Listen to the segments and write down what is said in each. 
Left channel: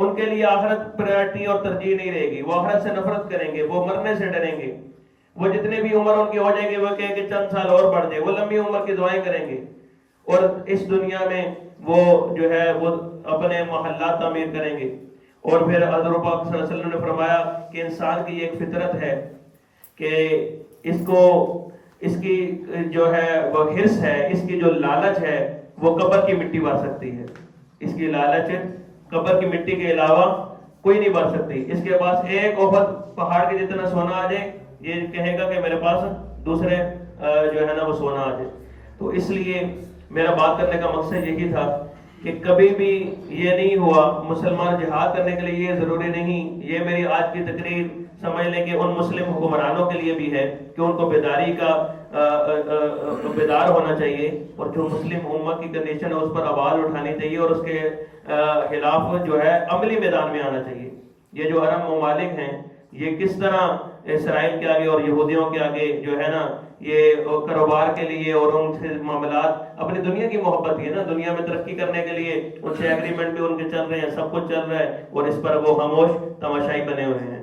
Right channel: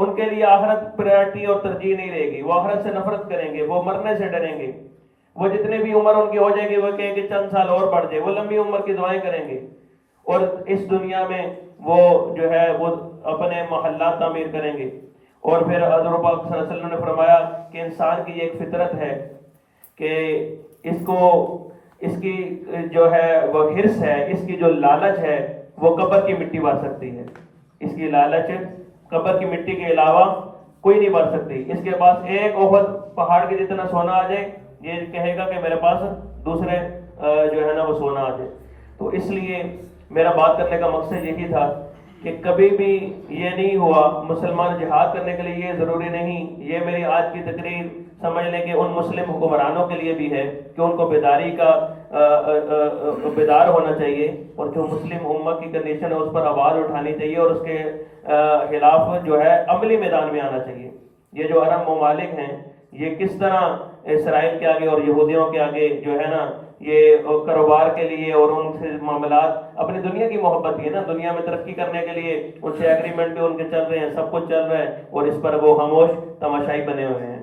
ان کے لیے آخرت پرائرٹی اور ترجیح نہیں رہے گی، وہ آخرت سے نفرت کریں گے، وہ مرنے سے ڈریں گے، وہ جتنے بھی عمر ان کی ہو جائے گی وہ کہیں کہ چند سال اور بڑھ جائے، وہ لمبی عمر کی دعائیں کریں گے، اور اس دنیا میں وہ جو ہے وہ اپنے محلات تعمیر کریں گے۔ اور پھر حضور پاک صلی اللہ علیہ وسلم نے فرمایا کہ انسان کی ایک فطرت ہے کہ اس کی جو ہے وہ حرص ہے، اس کی جو لالچ ہے وہ قبر کی مٹی بھر سکتی ہے، اس کی لالچ قبر کی مٹی کے علاوہ کوئی نہیں بھر سکتی۔ اس کے پاس ایک احد پہاڑ کے جتنا سونا آ جائے یہ کہے گا کہ میرے پاس دوسرے جو ہے نا وہ سونا آ جائے۔ تو اس لیے میرا بات کرنے کا مقصد یہی تھا کہ کبھی بھی یہ نہیں ہوا مسلمان جہاد کرنے کے لیے، یہ ضروری نہیں، یہ میری آج کی تقریر سمجھ لیں کہ ان مسلم حکمرانوں کے لیے بھی ہے کہ ان کو بیداری کا بیدار ہونا چاہیے، اور جو مسلم امت کی کنڈیشن ہے اس پر آواز اٹھانی چاہیے، اور اس کے خلاف جو ہے عملی میدان میں آنا چاہیے۔ یہ جو عرب ممالک ہیں یہ کس طرح اسرائیل کے آگے اور یہودیوں کے آگے جو ہے نا یہ کاروبار کے لیے اور ان سے معاملات، اپنی دنیا کی محبت ہے نا، دنیا میں ترقی کرنے کے لیے ان سے ایگریمنٹ بھی ان کے چل رہے ہیں، سب کچھ چل رہا ہے، اور اس پر وہ خاموش تماشائی بنے ہوئے ہیں۔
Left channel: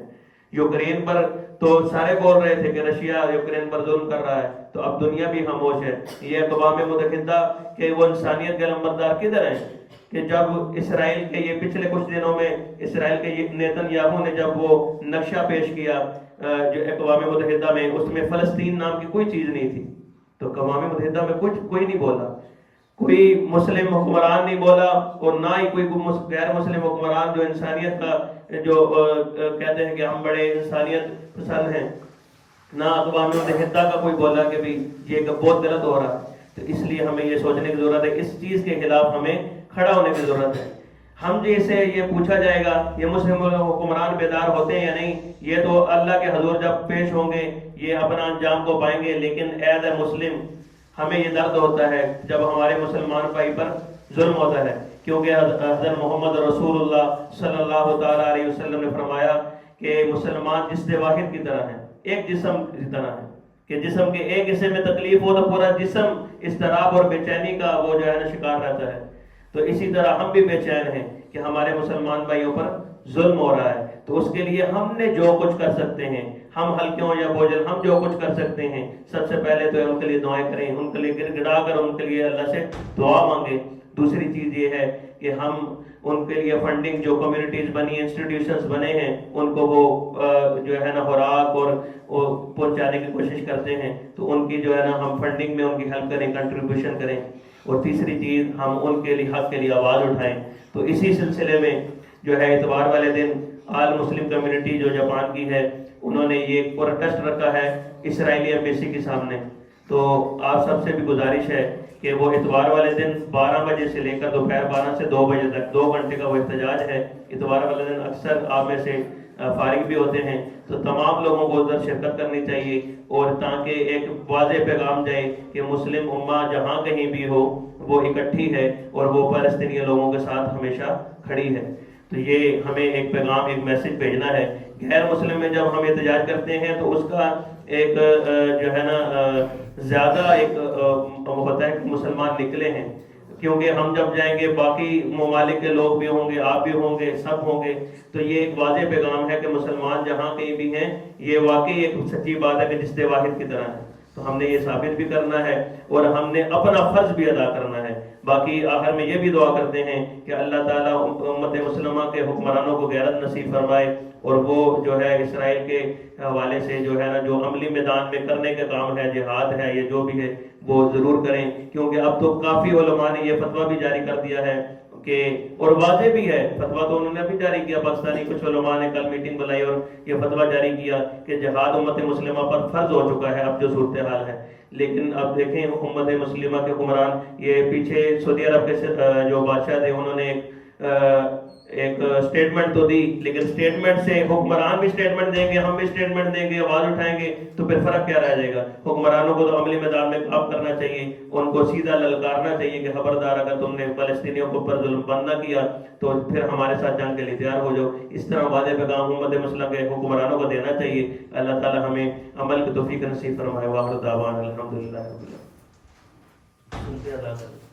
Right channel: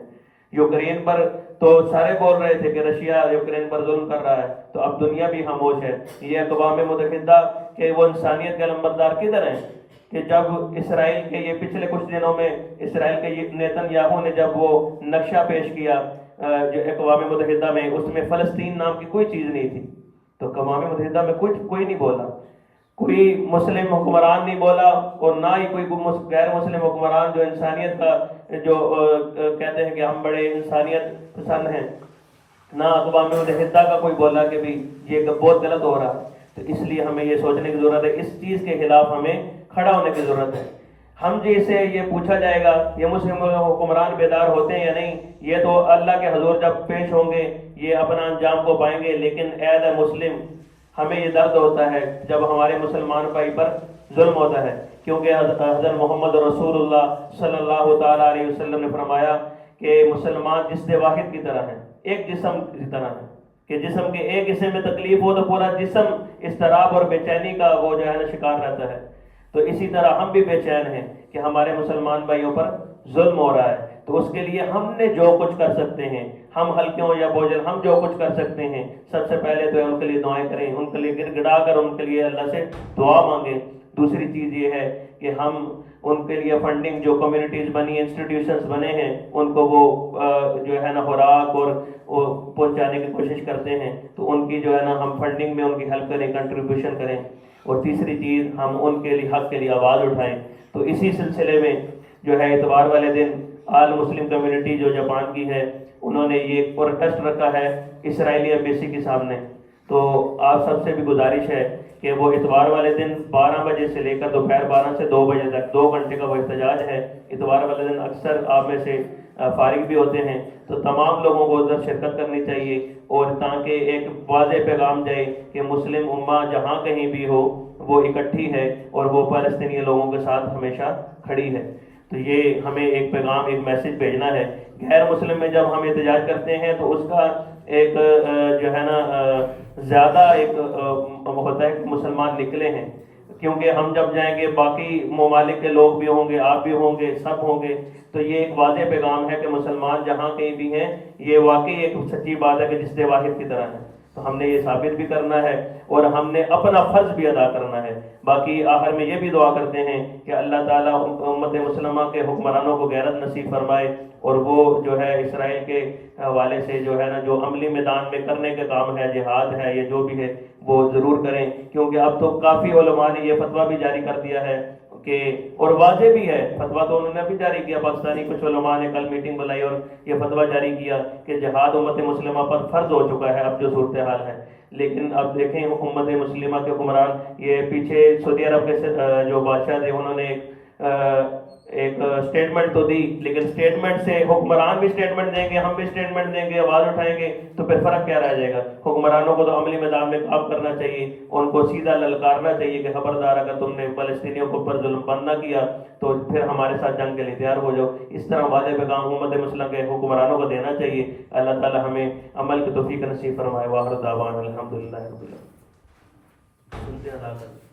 یوکرین پر تو سارے بول رہے تھے کہ رشیا یوکرین پر ظلم کر رہا ہے، تو اب دنیا بھی خاموش ہے۔ یہ اقوام متحدہ کے وہ انسانیت کے علمبردار کدھر ہیں کہ جب اسرائیل کے یہ پچھلے کچھ دنوں میں اسرائیل کے نیتن یاہو نے جب وہ نقشہ پیش کیا جو اقوام متحدہ میں، اس میں فلسطین نام کی کوئی چیز نہیں تھی، تو اقوام متحدہ میں کوئی نہیں بولا، کوئی مسلم حکمران نہیں بولا، اور نہ ہی کوئی غیر مسلم حکمران جو انسانیت کا جو کہتے ہیں کہ ہم بڑے انسانیت پسند ہیں، نہ اقوام متحدہ کا کوئی بولا کہ بھئی یہ بہت غلط ہو رہا ہے۔ تو اس لیے ہمیں یہ سوچنے کی ضرورت ہے، اس چیز کے خلاف ہمیں کھڑا ہونے کی ضرورت ہے۔ ہم جیسے یہ پوچھا جائے گا یہ مسلم حکمران بیدار ہوتے ہیں یا نہیں، یہ تو اللہ کے حضور جب پیش ہوں گے یہ اپنا انجام کو پائیں گے، لیکن ایز اے مسلم ہمیں یہ درد ہوتا ہے جب ہمارے مسلمان بھائی پر ظلم ہوتا ہے، کیونکہ حضرت محمد رسول اللہ صلی اللہ تعالیٰ علیہ وسلم نے فرمایا کہ مسلمان جسم واحد کی طرح ہے، ایک جسم کی طرح ہے، کہ جسم کے ایک حصے میں تکلیف ہو تو پورا جسم اضطراب اور بے چینی کا وہ جو ہے نا شکار رہتا ہے۔ تو اسی طرح ہم بھی بے چین ہیں کہ ہمارے مسلمان بھائیوں پر ظلم ہو رہا ہے، تو اس کے لیے ہم نے جو کچھ کر سکتے ہیں، ہم ہلکے ہوں یا بوجھل، ہم جو کچھ کر سکتے ہیں سب سے پہلے تو ان کے لیے دعائیں کریں، ان کے لیے گر گڑا کر ان کے لیے اللہ سے دعا مانگیں۔ دوسری چیز یہ ہے کہ ہم ان کے لیے فنڈنگ جو کمیونٹیز بنی، انسٹیٹیوشنز بنے ہیں، ان کو وہ جو ہے نا خوراک اور پہنچانے کی کوشش کرتے ہیں، تو ان کی جو ہے نا ہم فنڈنگ میں ان کی ہیلپ کریں، کنٹریبیوشن کریں۔ اور تیسری چیز ہم ان کے لیے حق کے لیے آواز اٹھائیں۔ تو اسی سلسلے میں جو ہے اتوار والے دن آل مسلم کمیونٹی جو جاپان کی ہے انہوں نے یہ پروٹیسٹ رکھا ہے اسرائیلی ایمبیسی کے سامنے۔ تو آپ سب سے بھی گزارش ہے کہ وہ اتوار والے دن 12 بجے سے لے کر دوپہر 12 سے 2 بجے تک 2 گھنٹے کا وہ احتجاج ہے۔ اتوار والے دن اکثر آپ میں سے فارغ بھی ہوتے ہیں، تو تمام لوگوں کو ادھر شرکت کرنی چاہیے، اور تاکہ ایک واضح پیغام جائے کہ مسلم امہ جہاں کہیں بھی ہو وہ اکٹھی ہے اور وہ فلسطینی لوگوں کے ساتھ ہمیشہ کھڑی ہے۔ تو یہ ہمیں ایک پیغام، ایک میسج بھیجنا ہے۔ غیر مسلم میں جب ہم احتجاج کرتے ہیں تو اس کا ایک جو ہے نا زیادہ ایک ہوتا ہے کہ مسلمان نکلے ہیں، کیونکہ ہم جب جائیں گے باقی ممالک کے لوگ بھی ہوں گے، آپ بھی ہوں گے، سب ہوں گے، تو یہ ایک واضح پیغام ہے کہ مسلمان جہاں کہیں بھی ہیں یہ واقعی ایک سچی بات ہے کہ جسد واحد کی طرح ہے۔ تو ہم نے یہ ثابت بھی کرنا ہے اور ہم نے اپنا فرض بھی ادا کرنا ہے۔ باقی آخر میں یہ بھی دعا کرتے ہیں کہ اللہ تعالیٰ امت مسلمہ کے حکمرانوں کو غیرت نصیب فرمائے، اور وہ جو ہے اسرائیل کے حوالے سے جو ہے نا جو عملی میدان میں کرنے کا کام ہے، جہاد ہے یا جو بھی ہے وہ ضرور کریں، کیونکہ اب تو کافی علماء نے یہ فتویٰ بھی جاری کر دیا ہے کہ، اور واضح بھی ہے فتویٰ تو انہوں نے بھی جاری کیا، پاکستانی کچھ علماء نے کل میٹنگ بنائی اور یہ فتویٰ جاری کیا کہ جہاد امت مسلمہ پر فرض ہو چکا ہے اب جو صورتحال ہے۔ لیکن اب دیکھیں امت مسلمہ کے حکمران، یہ پیچھے سعودی عرب کے جو بادشاہ تھے انہوں نے ایک اسٹیٹمنٹ تو دی، لیکن اسٹیٹمنٹ سے حکمران بھی اسٹیٹمنٹ دیں گے، ہم بھی اسٹیٹمنٹ دیں گے، آواز اٹھائیں گے، تو پھر فرق کیا رہ جائے گا؟ حکمرانوں کو تو عملی میدان میں کام کرنا چاہیے، ان کو سیدھا للکارنا چاہیے کہ خبردار اگر تم نے فلسطینیوں کو پر ظلم بند نہ کیا تو پھر ہمارے ساتھ جنگ کے لیے تیار ہو جاؤ۔ اس طرح واضح پیغام امت مسلمہ کے حکمرانوں کو دینا چاہیے۔ اللہ تعالی ہمیں عمل کی توفیق نصیب فرمائے۔ وآخر دعوانا الحمدللہ رب العالمین۔